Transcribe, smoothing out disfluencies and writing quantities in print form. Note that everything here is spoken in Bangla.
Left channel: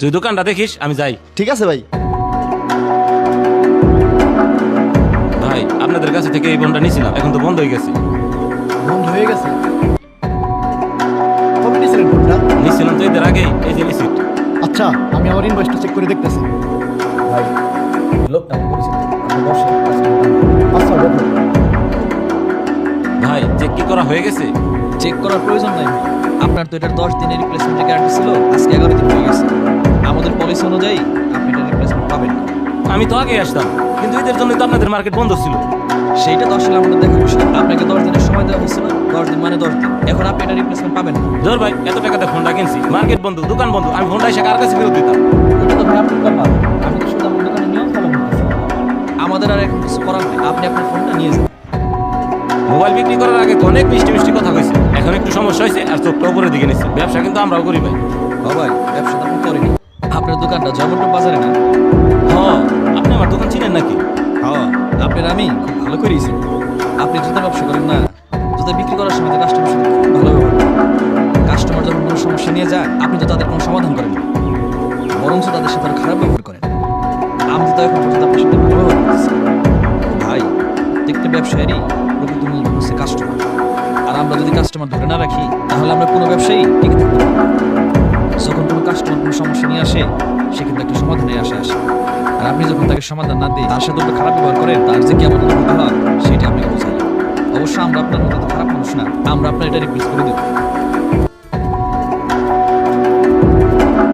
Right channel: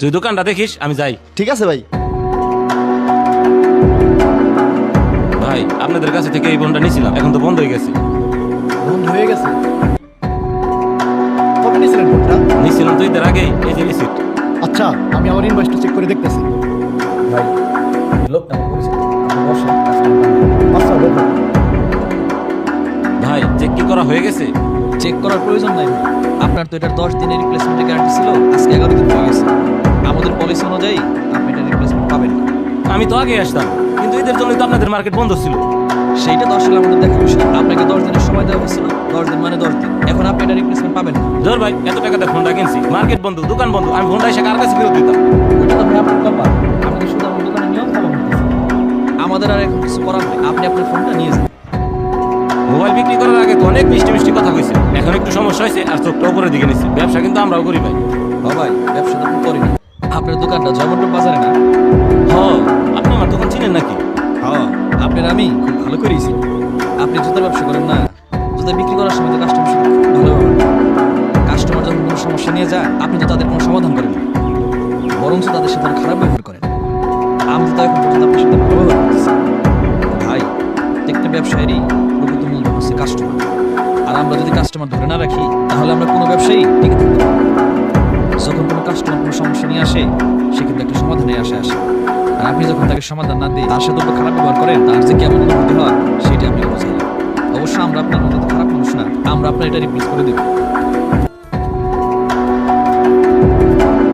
তুই দোকানটা দেখিস, আমি যাই। ঠিক আছে ভাই। ভাই, আপনাদের কাছে থেকে এই ফোনটা নিয়েছিলাম, এখন তো বন্ধ হয়ে গেছে। বন্ধ হয়ে গেছে? কবে নিয়েছিলেন ফোনটা? নিয়েছিলাম তো ঈদের আগেই, এই যে রিসিট। আচ্ছা, আমি আমার ইনভয়েসটা চেক করে দেখতেছি। ভাই, এই লোকটা আমার পরিচিত, আপনি বসেন, কাস্টমার দাম বলি। আচ্ছা দেখো। ভাই, চেক কি করা হয়ে গেছে? চেক করার প্রয়োজন নাই ভাই, আপনার তো এটার 10 দিনের রিপ্লেসমেন্টের গ্যারান্টি ছিল, আজকে 11 দিন হয়ে গেছে। আমাদের পলিসি অনুযায়ী আপনি এটা রিপ্লেসমেন্ট পাবেন না। আমি তো আগে আসতাম, কিন্তু ঈদের জন্যই তো আপনাদের মার্কেট বন্ধ ছিল। সেইটা তো আসলে আমাদের দেখার বিষয়। আপনাকে 10 দিনের সময় দেওয়া হয়েছিল, 10 দিন মানে 10 দিন। এখন আপনি এটা রিপ্লেসমেন্ট পাবেন না। ধর ভাই, এত টাকা দিয়ে ফোনটা কিনছি, মার্কেট বন্ধ, দোকান বন্ধ, আমি ফোনটা এসে কার কাছে ফেরত দিতাম? ওইটা তো ভাই আপনার কপাল, আমি তো শুধু আমার দোকানের নিয়ম ফলো করতেছি। আমাদের আর এখন কিছু করার নেই, আপনি আপনার ফোনটা নিয়ে যান। মোবাইল বিক্রি করার আগে তো অনেক মিষ্টি মিষ্টি কথা কইছে, এখন একটু সমস্যা হয়েছে আর চোখটা উপরের দিকে নিচ্ছে। ব্যবসা কিন্তু আমরাও করি ভাই। ভাই, ব্যবসা তো আপনি করেনি, আপনার দোকানটা জয়মন্টপ বাজারে না? হ, আপনি আমার দোকান চিনেন নাকি? হ্যাঁ, আপনার আমি খুব ভালো করেছি। আপনি জুতার ব্যবসা করেন না, জুতা বিক্রি করার সময় তো কাস্টমার সাথে খুব ভালো ব্যবহার করেন। কাস্টমার যখন কোনো সমস্যা নিয়ে যায়, আপনি তো তাদের কোনো সমাধান করেন না, বরঞ্চ তাদের সাথে আরো খারাপ ব্যবহার করেন। আমি তো এখন পর্যন্ত আপনার সাথে ভালো ব্যবহার করতেছি। ভাই, প্রত্যেকটা ব্যবসায়েরই প্রকৃত মূলধন হচ্ছে কাস্টমার। আর আমরা যদি কাস্টমার ধরে না রাখি, তাহলে আমরা কোনো ব্যবসায়ী টিকে থাকতে পারবো না। যখন কোনো কাস্টমার কোনো সমস্যা নিয়ে আসে, সে কিন্তু একটা সমাধানে আসে। আর আপনি যখন তাকে সমাধান না দিয়ে তার সাথে একটু খারাপ ব্যবহার করেন, তার যে কেমন অনুভূতি হয় সেটা আপনাকে বোঝাইলাম। অবশ্য আমরা আপনার মতো তো খারাপ মানুষ না, আমরা আপনার এটা রিপ্লেস করে দেবো।